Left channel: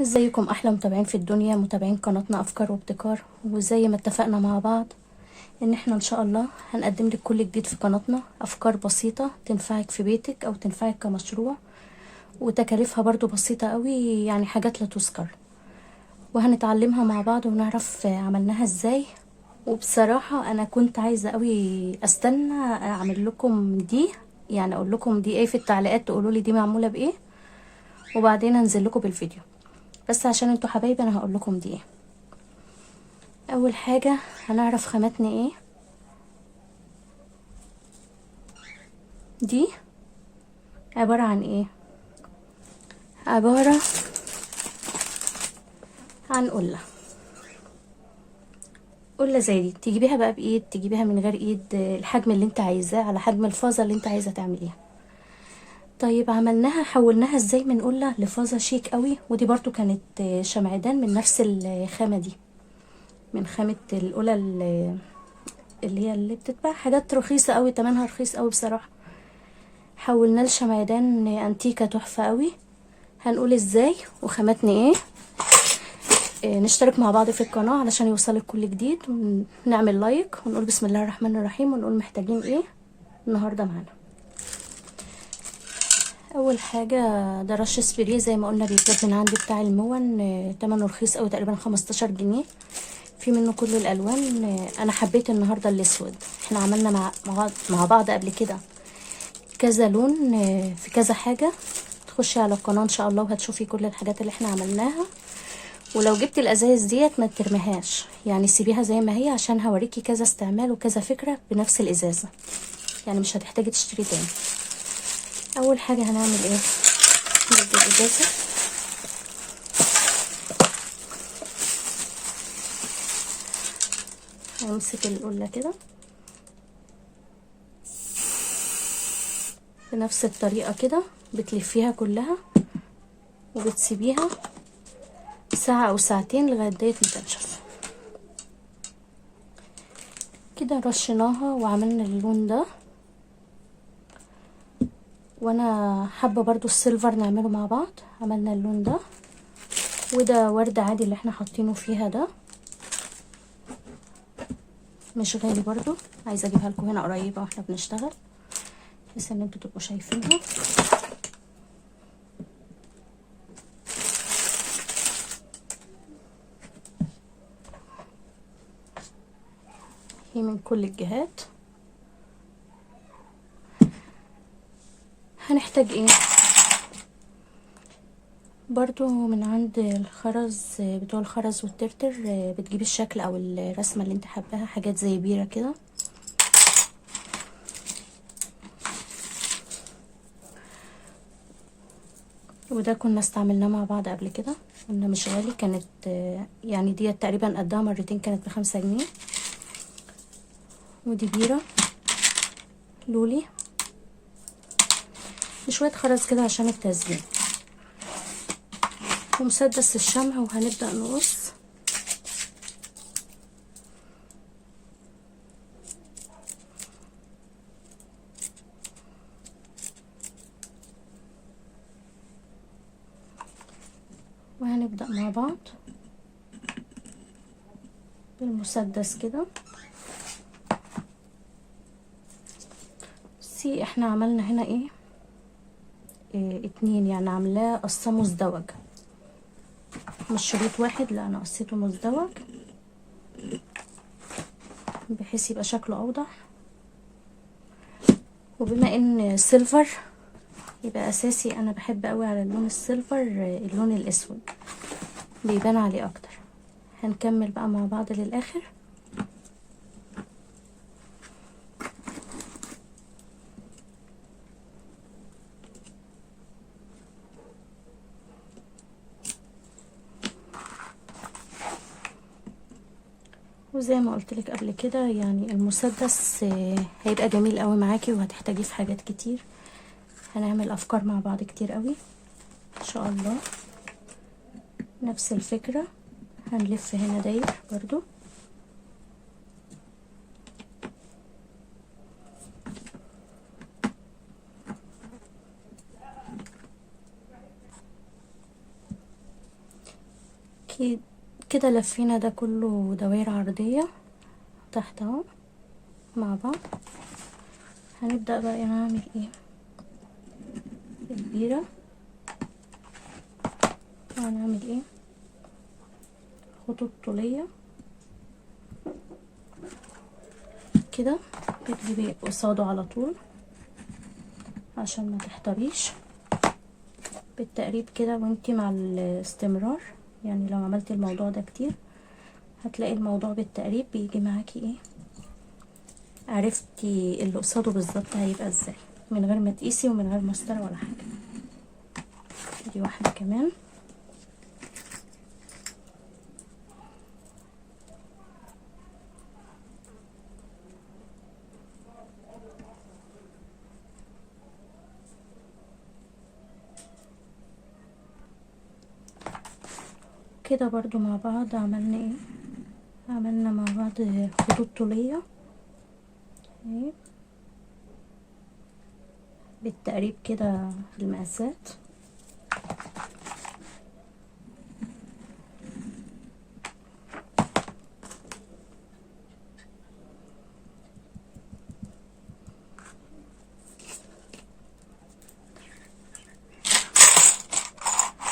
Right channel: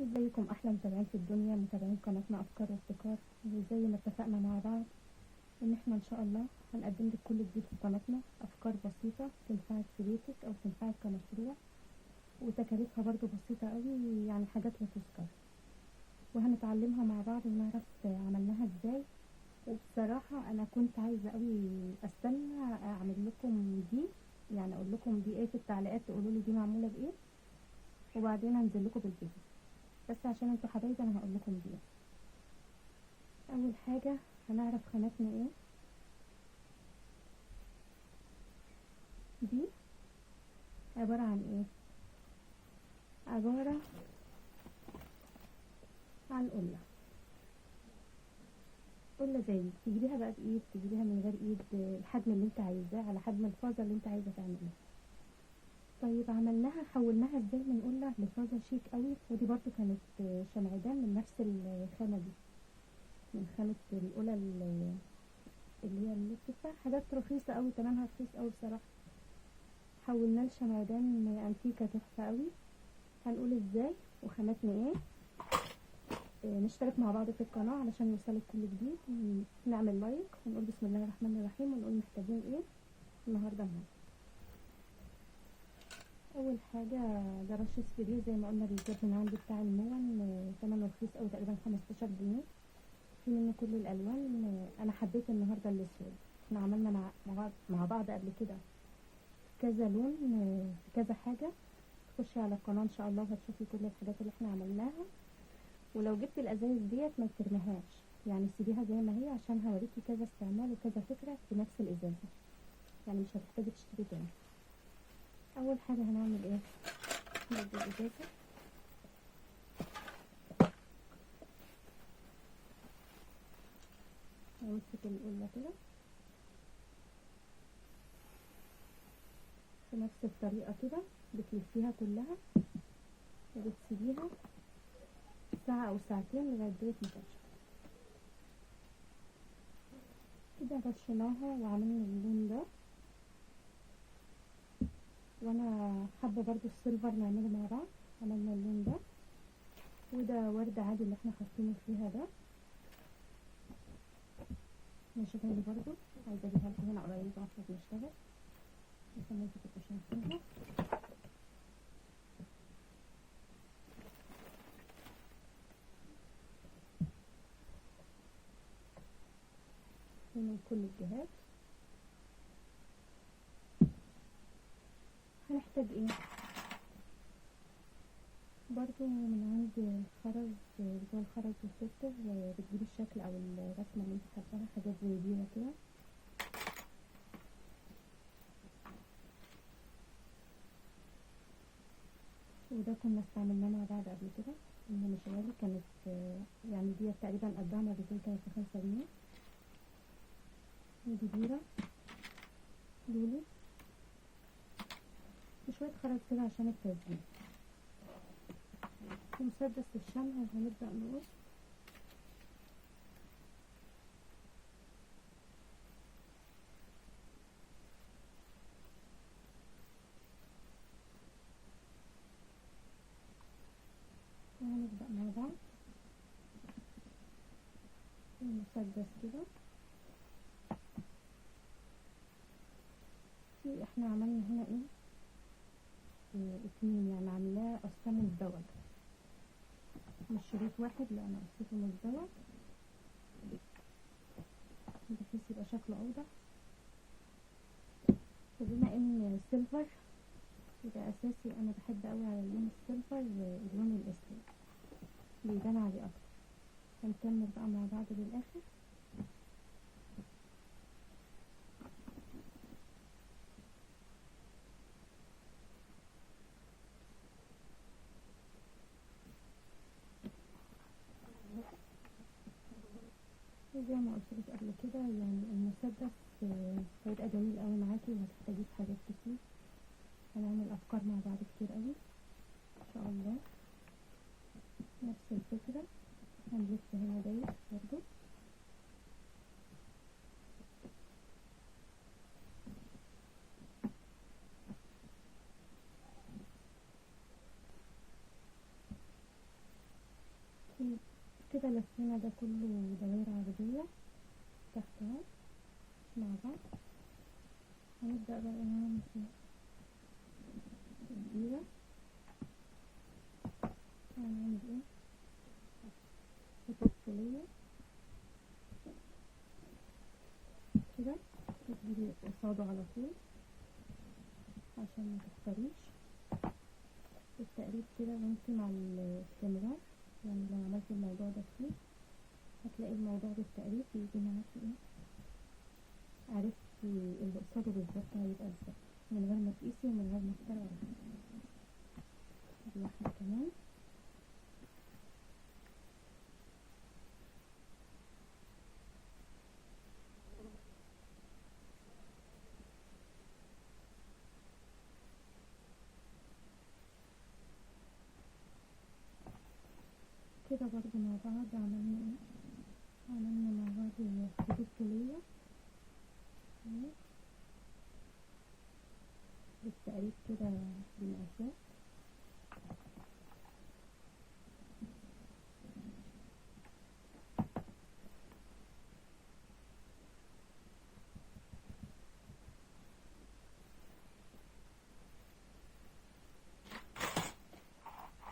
ازيكم احلى متابعين في الدنيا، متابعين قناتنا افكار وابتكار. وزي ما اتفقنا مع بعض ان احنا ان شاء الله هنقدم لك كل جديد في قناتنا، افكار بسيطة تنفعك في بيتك او تنفعك كمشروع، وتكاليفها برضو بسيطة قوي، يعني حاجات لا تذكر، وهنتعلمها مع بعض ونعرف عملناها ازاي. وبصراحة انا كنت عايزة قوي استنى اعمل لكم دي، يعني اقول لكم دي ايه في التعليقات، تقولوا لي دي معمولة بايه، وبعدين انزل لكم بالفيديو. بس عشان انتوا حبايبي انا هقول لكم دي ايه. اول حاجة هنعرف خاماتنا ايه. دي عبارة عن ايه؟ عبارة عن قلة زي دي، تجيبيها بقى بايد، تجيبيها من غير ايد، الحجم اللي انت عايزاه على حجم الفازة اللي انت عايزة تعمليها. طيب عملناها، حولناها ازاي من قلة لفازة شيك قوي. ودي برضو كانت شمعدان من نفس الخامة دي، من خامة القلة اللي هي اللي بتتباع حاجات رخيصة قوي، تمنها رخيص قوي بصراحة. حولناه لشمعدان انتيكة تحفة قوي. هنقول ازاي وخاماتنا ايه. نشترك مع بعض في القناة علشان يوصلك كل جديد، ونعمل لايك ونقول بسم الله الرحمن الرحيم، ونقول محتاجين ايه النهاردة معانا. اول حاجة ده رش سبراي زي ما قلنا، بيتجاب من عندي بتاع المون، تمنه رخيص اوي، تقريبا 15 جنيه. في منه كل الالوان. انا حبيت النهاردة الاسود. احنا عملنا مع بعض قبل كده كذا لون في كذا حاجة. تخشي على القناة ان شاء الله وهتشوفي كل الحاجات اللي احنا عملناها. ولو جبت الازايز ديت ما ترميهاش، يعني سيبيها زي ما هي، عشان هوريكي كذا استعمال وكذا فكرة بنفس الازازة، يعني مش هتحتاجي تشتري تاني. اول حاجة هنعمل ايه، ندي الازازة، هنمسك القلة كده بنفس الطريقة كده، بتلفيها كلها وبتسيبيها ساعة او ساعتين لغاية ديت ما تنشف. كده رشيناها وعملنا اللون ده. وانا حابة برضو السيلفر نعمله مع بعض. عملنا اللون ده، وده ورد عادي اللي احنا حاطينه فيها ده، مش غالي برضو. عايزه اجيبها لكم هنا قريبه واحنا بنشتغل، بحيث ان انتوا تبقوا شايفينها. هي من كل الجهات. هنحتاج ايه برضو من عند الخرز، بتوع الخرز والترتر، بتجيب الشكل او الرسمه اللي انت حباها، حاجات زي بيره كده. وده كنا استعملناه مع بعض قبل كده، قلنا مش غالي، كانت يعني دي تقريبا قدها مرتين، كانت ب5 جنيه. ودي بيره لولي، شويه خرز كده عشان التزيين، ومسدس الشمع. وهنبدأ نقص. وهنبدأ مع بعض بالمسدس كده. بصي احنا عملنا هنا إيه 2، يعني عاملاه قصة مزدوج، مش شريط واحد، لا انا قصيته مزدوج بحيث يبقى شكله اوضح. وبما ان سيلفر يبقى اساسي، انا بحب قوي على اللون السيلفر اللون الاسود بيبان عليه اكتر. هنكمل بقى مع بعض للاخر. وزي ما قلت لك قبل كده، يعني المسدس هيبقى جميل قوي معاكي وهتحتاجيه في حاجات كتير. هنعمل افكار مع بعض كتير قوي ان شاء الله. نفس الفكرة، هنلف هنا داير برضو. كده لفينا ده كله دوائر عرضية تحت اهو مع بعض. هنبدأ بقى نعمل ايه البيرة، وهنعمل ايه خطوط طولية كده، بتجيبي قصاده على طول عشان ما تحتريش بالتقريب كده. وانتي مع الاستمرار يعني لو عملتي الموضوع ده كتير هتلاقي الموضوع بالتقريب بيجي معاكي ايه، عرفتي اللي قصاده بالظبط هيبقى ازاي من غير ما تقيسي ومن غير مسطره ولا حاجه. دي واحده كمان. كده برضو مع بعض عملنا ايه، عملنا مع بعض خطوط طوليه اهي بالتقريب كده المقاسات.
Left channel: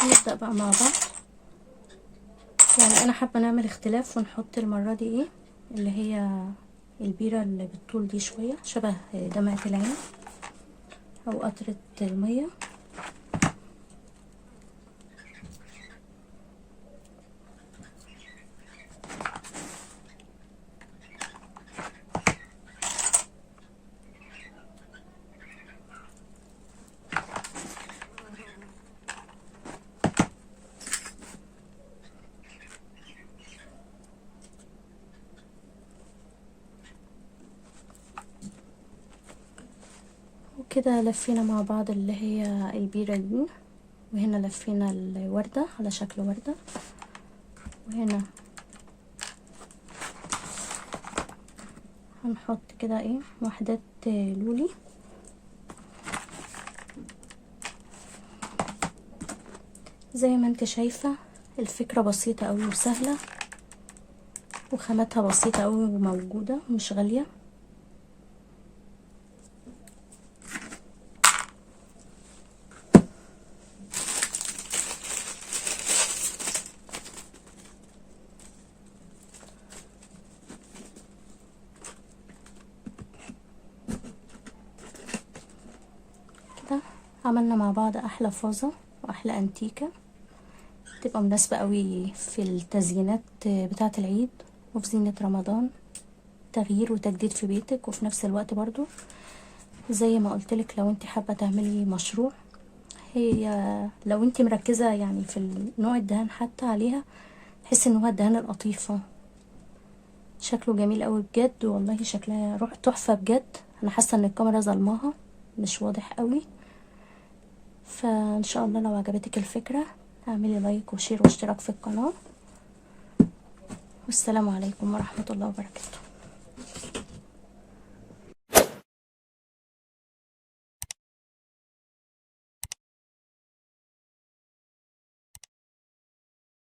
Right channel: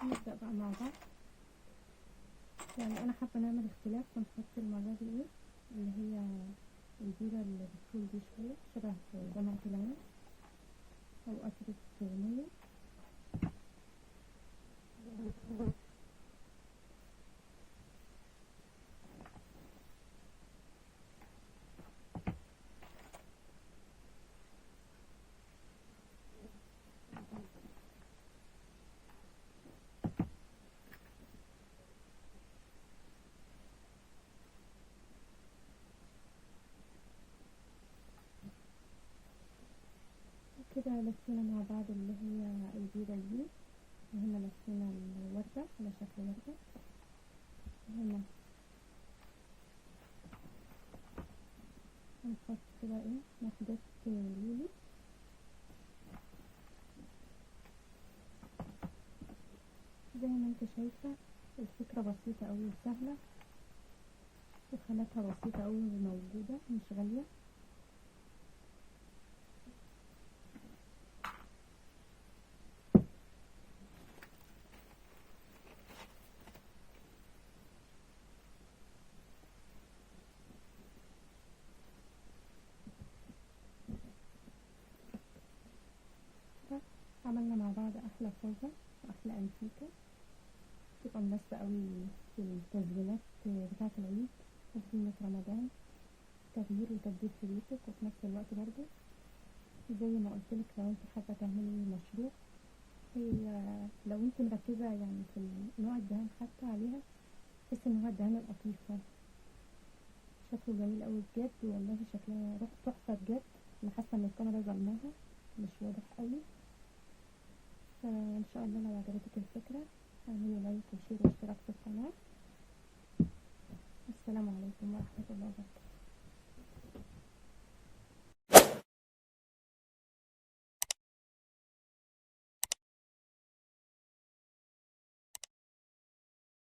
نبدأ بقى مع بعض. يعني انا حابه نعمل اختلاف ونحط المره دي ايه اللي هي البيره اللي بالطول دي شويه شبه دمعه العين او قطره الميه. وكده لفينا مع بعض اللي هي البيرة دي، وهنا لفينا الوردة على شكل وردة، وهنا هنحط كده ايه وحدات لولي. زي ما انت شايفة الفكرة بسيطة اوي وسهلة وخاماتها بسيطة اوي وموجودة مش غالية. كده عملنا مع بعض احلى فازة واحلى انتيكة تبقى مناسبة قوي في التزيينات بتاعة العيد وفي زينة رمضان، تغيير وتجديد في بيتك. وفي نفس الوقت برضو زي ما قلتلك لو انت حابة تعملي مشروع، هي لو انت مركزة يعني في نوع الدهان حتى عليها، تحس ان هو الدهان القطيفة شكله جميل قوي بجد والله، شكلها روح تحفة بجد. انا حاسة ان الكاميرا ظلماها مش واضح قوي. فان شاء الله لو عجبتك الفكرة اعملي لايك وشير واشتراك في القناة، والسلام عليكم ورحمة الله وبركاته.